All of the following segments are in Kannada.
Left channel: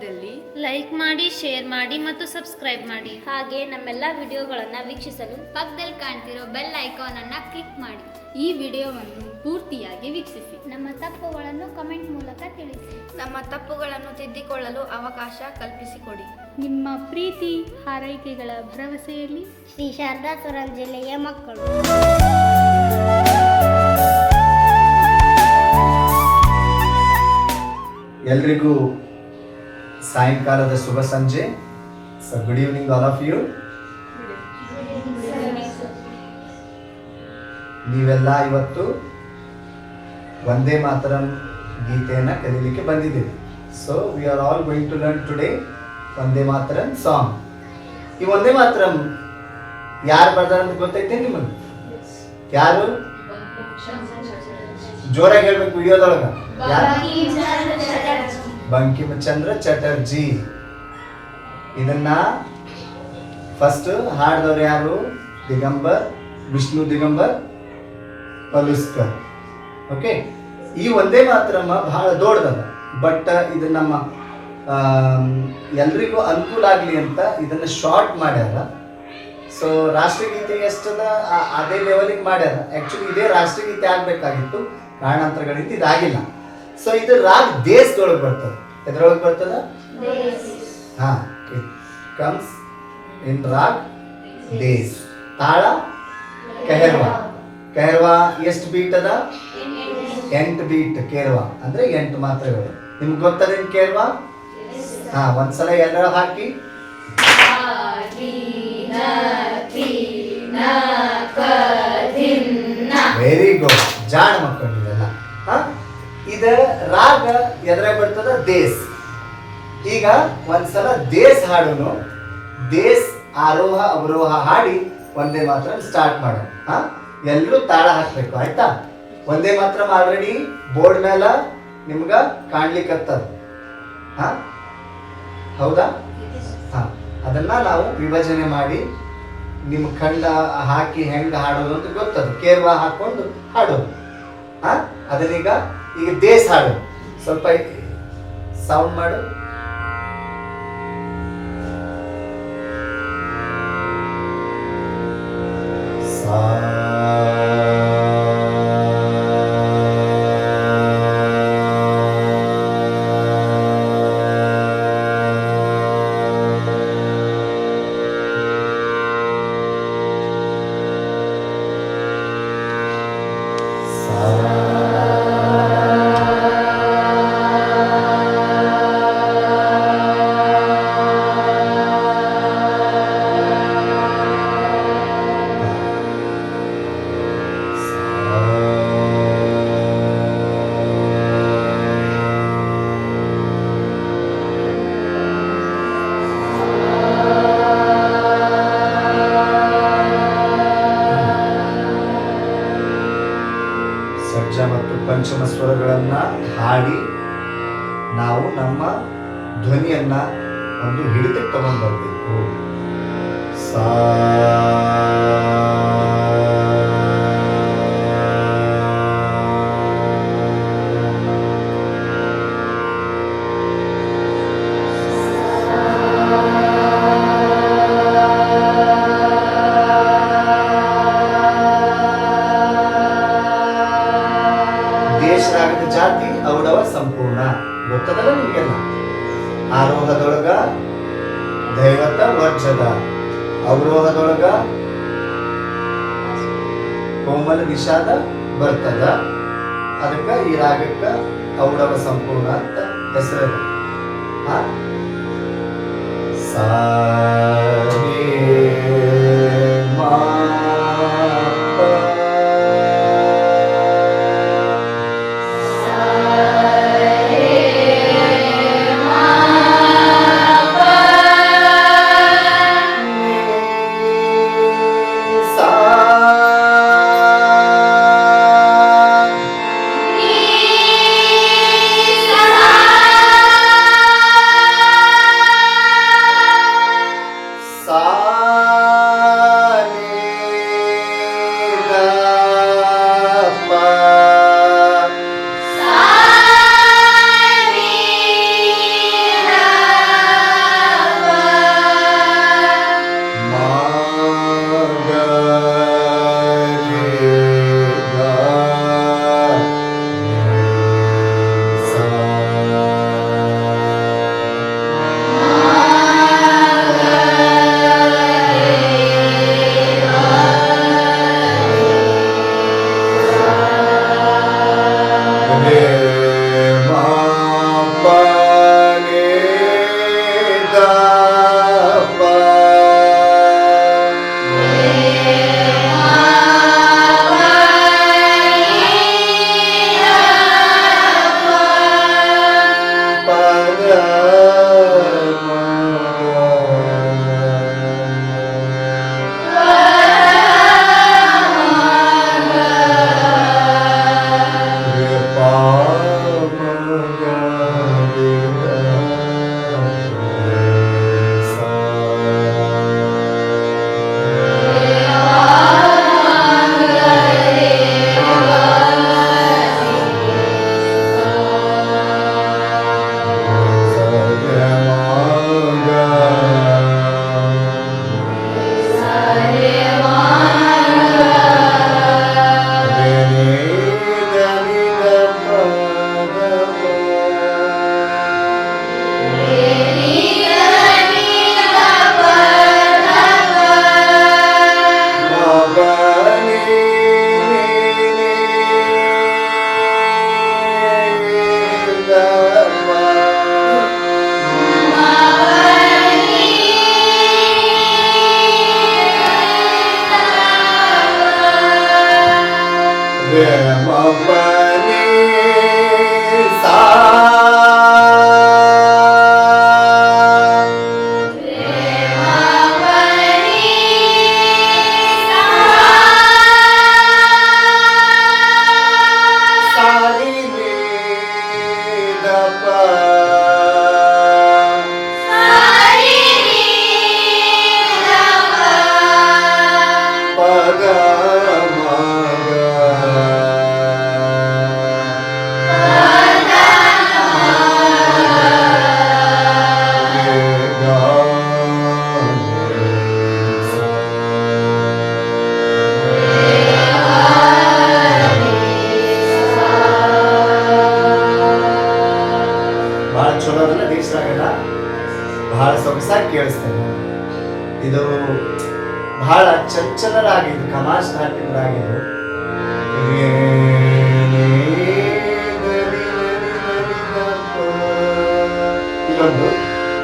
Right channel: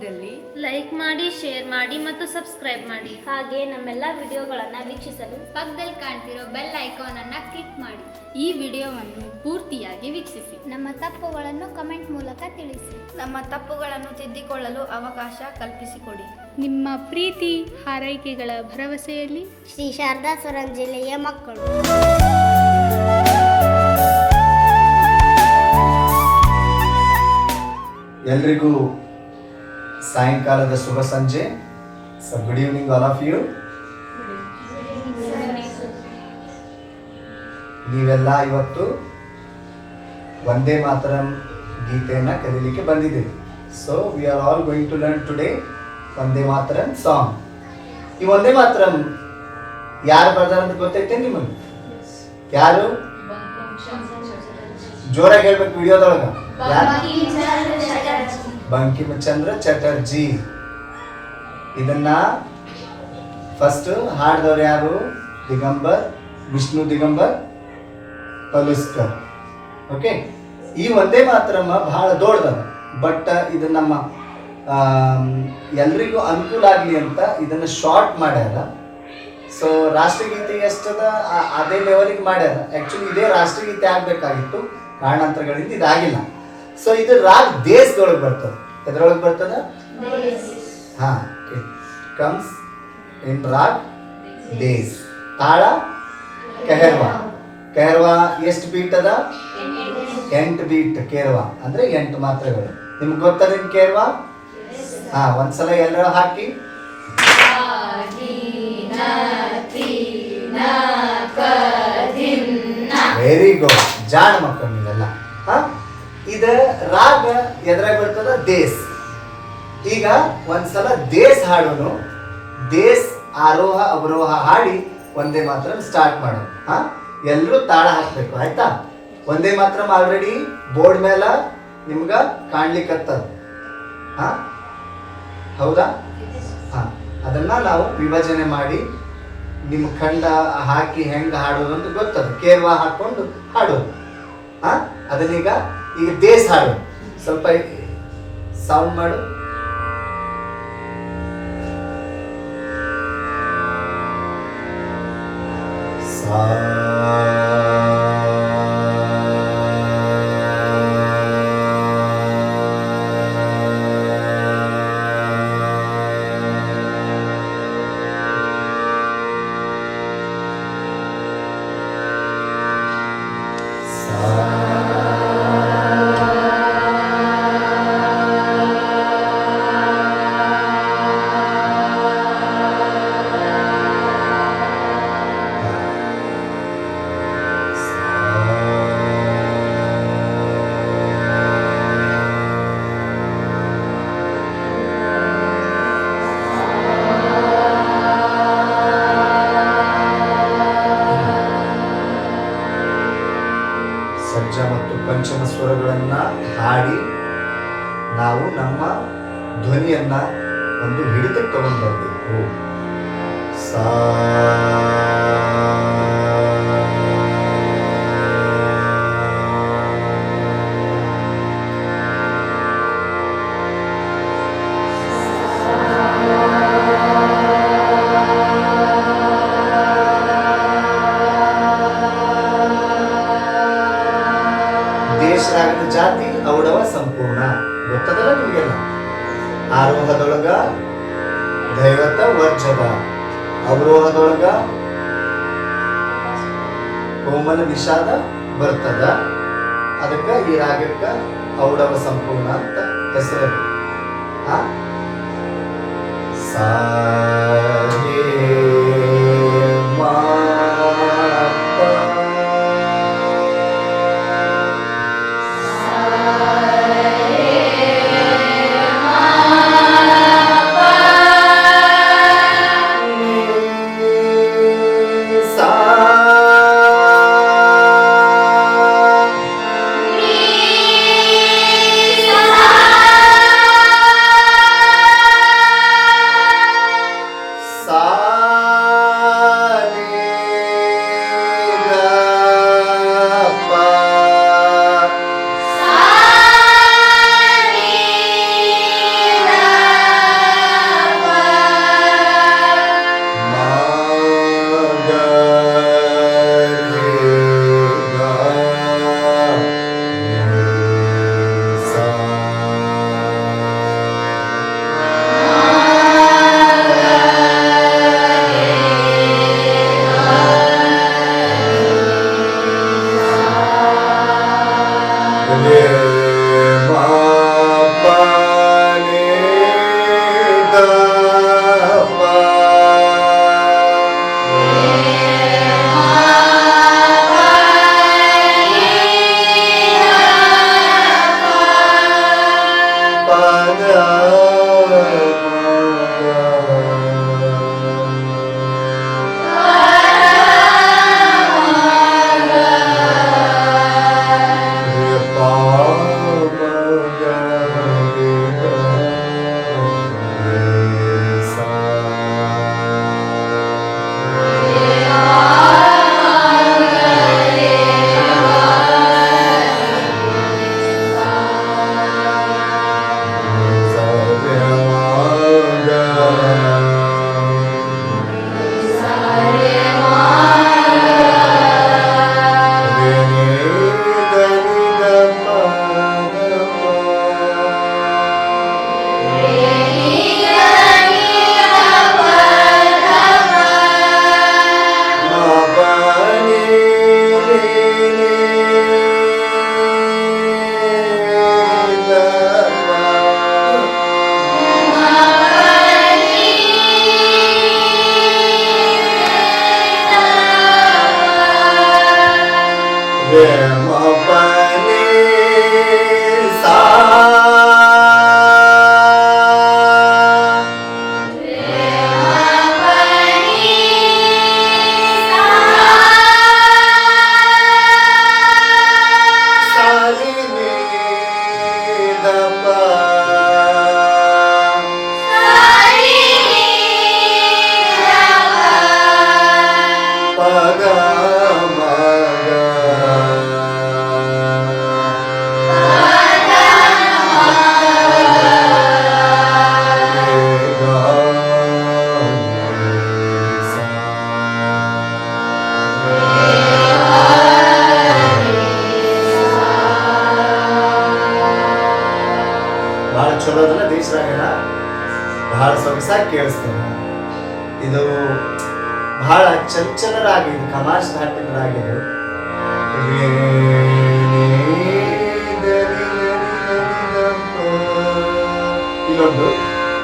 ಇದ್ದಲ್ಲಿ ಲೈಕ್ ಮಾಡಿ ಶೇರ್ ಮಾಡಿ ಮತ್ತು ಸಬ್ಸ್ಕ್ರೈಬ್ ಮಾಡಿ. ಹಾಗೆ ನಮ್ಮೆಲ್ಲ ವಿಡಿಯೋಗಳನ್ನು ವೀಕ್ಷಿಸಲು ಪಕ್ಕದಲ್ಲಿ ಕಾಣ್ತಿರೋ ಬೆಲ್ ಐಕಾನ್ ಅನ್ನ ಕ್ಲಿಕ್ ಮಾಡಿ. ಈ ವಿಡಿಯೋವನ್ನು ಪೂರ್ತಿಯಾಗಿ ವೀಕ್ಷಿಸಿ. ನಮ್ಮ ತಪ್ಪುಗಳನ್ನು ಕಮೆಂಟ್ ಮೂಲಕ ತಿಳಿಸಿ. ನಮ್ಮ ತಪ್ಪುಗಳನ್ನು ತಿದ್ದಿಕೊಳ್ಳಲು ಅವಕಾಶ ಕಲ್ಪಿಸಿಕೊಡಿ. ನಿಮ್ಮ ಪ್ರೀತಿ ಹಾರೈಕೆಗಳ ಭರವಸೆಯಲ್ಲಿ ಶ್ರೀ ಶಾರದಾ ಸರನ್ ಜಿಲ್ಲೆಯ ಮಕ್ಕಳು. ಎಲ್ರಿಗೂ ಸಾಯಂಕಾಲದ ಶುಭ ಸಂಜೆ. So good evening all of you ನೀವೆಲ್ಲ ಇವತ್ತು ಒಂದೇ ಮಾತರಂ ಗೀತೆಯನ್ನು ಕಲೀಲಿಕ್ಕೆ ಬಂದಿದ್ದೀವಿ so we are all going to learn today Vande Mataram song ಈ ಒಂದೇ ಮಾತರಂ ಯಾರು ಬರ್ತಾರೆ ಅಂತ ಗೊತ್ತೈತೆ ನಿಮಗೆ? ಯಾರು? ಜೋರಾಗಿ ಹೇಳ್ಬೇಕು ವಿಡಿಯೋದೊಳಗ ಯಾರು? ಬಂಕಿಮಚಂದ್ರ ಚಟರ್ಜಿ ಇದನ್ನ ಫಸ್ಟ್ ಹಾಡಿದವ್ರು ಯಾರು? ದಿಗಂಬರ್, ವಿಷ್ಣು ದಿಗಂಬರ್ ಪಲುಸ್ಕರ್ ಓಕೆ ಈ ಒಂದೇ ಮಾತ್ರಮ್ಮ ಬಹಳ ದೊಡ್ಡದ ಬಟ್ ಇದು ನಮ್ಮ ಎಲ್ರಿಗೂ ಅನುಕೂಲ ಆಗಲಿ ಅಂತ ಇದನ್ನ ಶಾರ್ಟ್ ಮಾಡ್ಯಾರ. ಸೊ ರಾಷ್ಟ್ರಗೀತೆ ಎಷ್ಟದ? ಅದೇ ಲೆವೆಲಿಗೆ ಮಾಡ್ಯಾರ. ಆ್ಯಕ್ಚುಲಿ ಇದೇ ರಾಷ್ಟ್ರಗೀತೆ ಆಗಬೇಕಾಗಿತ್ತು. ಕಾರಣಾಂತರಗಳಿಂದ ಇದಾಗಿಲ್ಲ. ಸೊ ಇದು ರಾಗ್ ದೇಶದೊಳಗೆ ಬರ್ತದೆ. ಎದ್ರೊಳಗೆ ಬರ್ತದ? ಹಾ ಕಮ್ಸ್ ಇನ್ ರಾಗ್ ದೇಸ್ ತಾಳ ಕೆಹರ್ವಾ ಕೆಹರ್ವಾ ಎಷ್ಟು ಬೀಟ್ ಅದ? ಎಂಟು ಬೀಟ್ ಕೇರ್ವಾ. ಅಂದ್ರೆ ಎಂಟು ಮಾತ್ರೆಗಳು. ನಿಮ್ಗೆ ಗೊತ್ತದ ಕೇರ್ವಾ? ಹಾ ಒಂದ್ಸಲ ಎಲ್ಲರೂ ಹಾಕಿ. ವೆರಿ ಗುಡ್ ಜಾಣ ಮಕ್ಕಳು ನೀವೆಲ್ಲ. ಹಾ? ಇದ ರಾಗ ಎದ್ರಾಗ ಬರ್ತದ? ದೇಸ್. ಈಗ ಒಂದ್ಸಲ ದೇಸ್ ಹಾಡೋನು. ದೇಸ್, ಆರೋಹ, ಅವರೋಹ ಹಾಡಿ ಒಂದೇ ಮಾತ್ರ ಸ್ಟಾರ್ಟ್ ಮಾಡೋಣ. ಹಾ? ಎಲ್ಲರೂ ತಾಳ ಹಾಕ್ಬೇಕು, ಆಯ್ತಾ? ಒಂದೇ ಮಾತ್ರ ಆಲ್ರೆಡಿ ಬೋರ್ಡ್ ಮೇಲ ನಿಮ್ಗ ಕಾಣ್ಲಿಕ್ಕತ್ತದ ಹಾ? ಹೌದಾ? ಹಾ. ಅದನ್ನ ನಾವು ವಿಭಜನೆ ಮಾಡಿ ನಿಮ್ಮ ಖಂಡ ಹಾಕಿ ಹೆಂಗ ಹಾಡೋದು ಅಂತ ಗೊತ್ತದ. ಕೇರ್ವಾ ಹಾಕೊಂಡು ಹಾಡೋದು. ಹಾ? ಅದನ್ನೀಗ ಈಗ ದೇಸ್ ಹಾಡು ಸ್ವಲ್ಪ ಸೌಂಡ್ ಮಾಡು. ನಿಷಾದ ಬರ್ತದ? ಅದಕ್ಕೆ ಈ ರಾಗಕ್ಕ ಔಡವ ಸಂಪೂರ್ಣ ಅಂತ ಹೆಸರು ಸಾ 怎么办？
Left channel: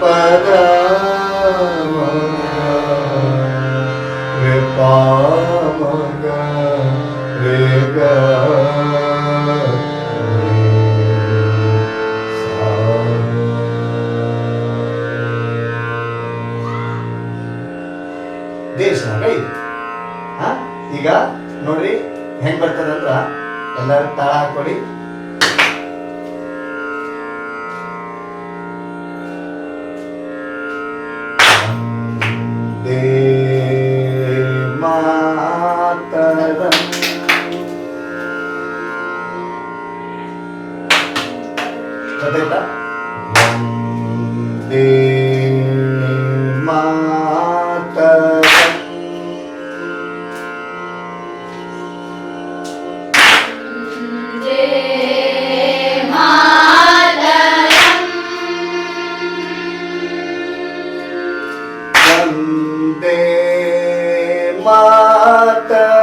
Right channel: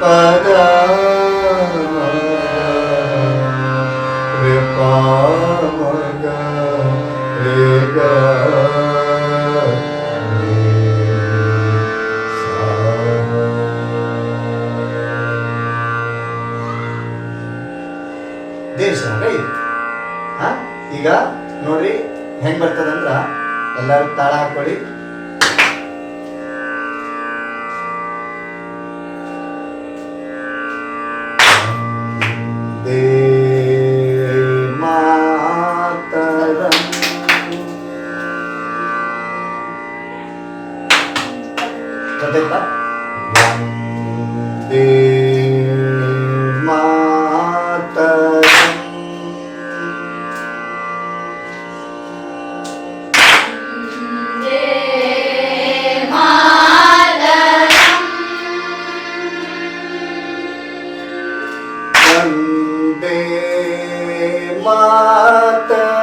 ಪದ. ರೇ ಪಾಮಗ ರೇ ಗ ದೇವಸ್ಥಾನ ಇದು. ಹಾ ಈಗ ನೋಡ್ರಿ ಹೆಂಗ್ ಬರ್ತದಂದ್ರ ಎಲ್ಲರೂ ತಾಳ ಹಾಕೊಳ್ಳಿ Mata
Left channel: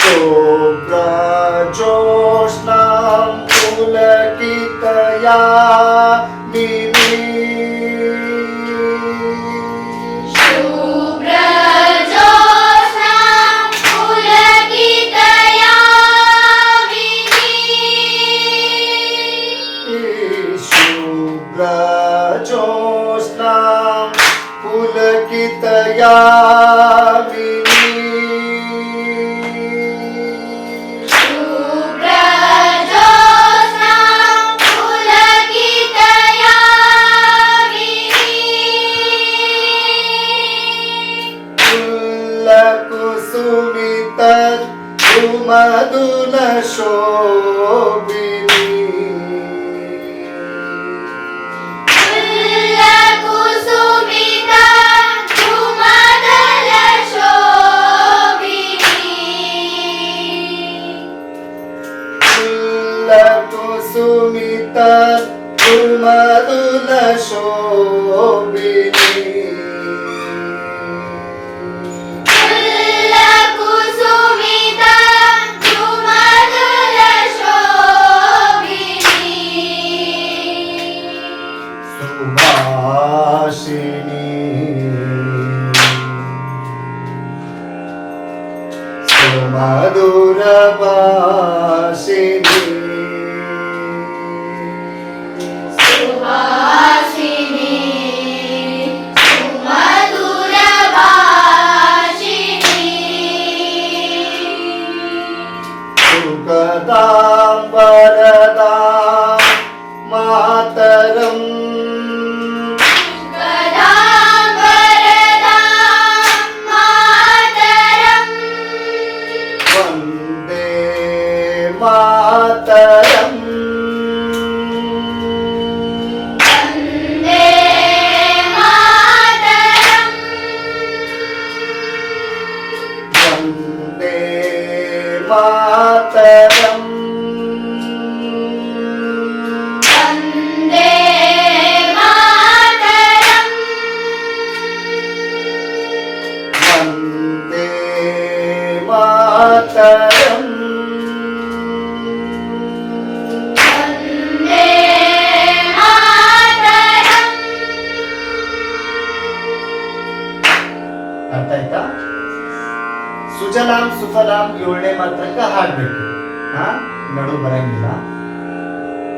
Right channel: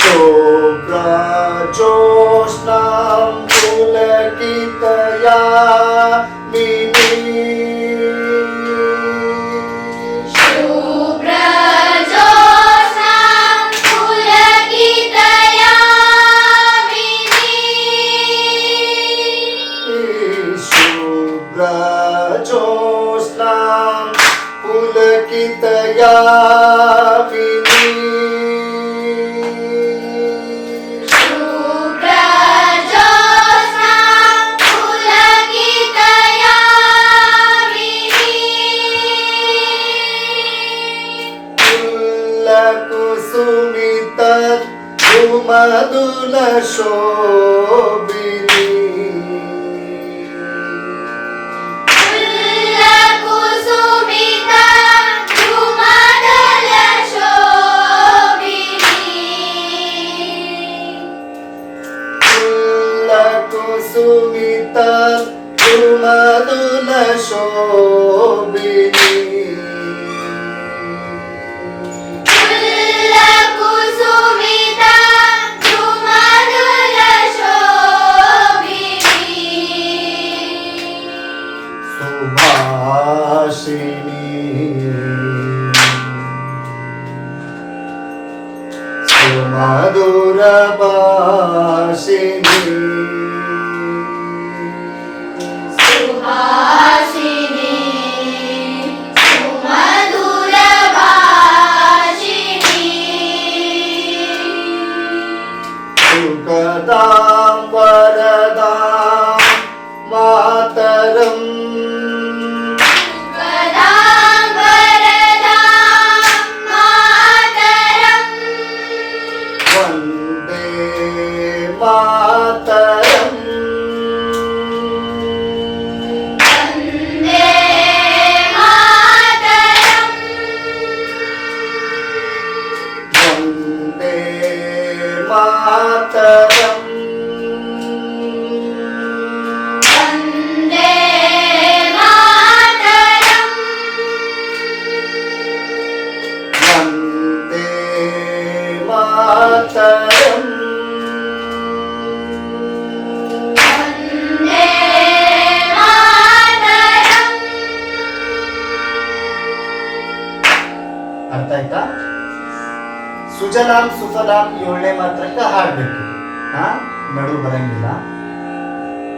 शुभ्र जोष्णां पुलकितया tatap, tumatap. ಸುಜಲಾಂ ಸುಫಲಾಂ ಏಳನೇ ಮಾತ್ರಕ್ಕೆ ಹಾಡ್ಬೇಕು ಹಾ ನಡು ಬರಂಗಿಲ್ಲ.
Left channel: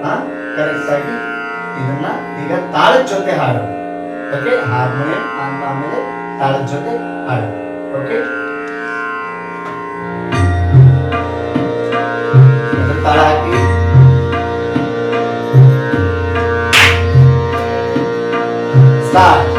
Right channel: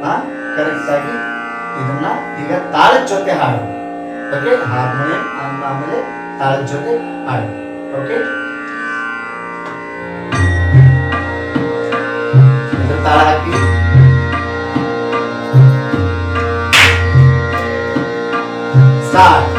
ಹಾ ಕರೆಕ್ಟ್ ಆಗಿ ಇದನ್ನ ಈಗ ತಾಳದ ಜೊತೆ ಹಾಡು ಓಕೆ ಹಾರ್ಮೋನಿಯಂ ಆಮೇಲೆ ತಾಳದ ಜೊತೆ ಹಾಡು. ಓಕೆ ತಾಳ ಹಾಕಿ. ಸ್ಟಾರ್ಟ್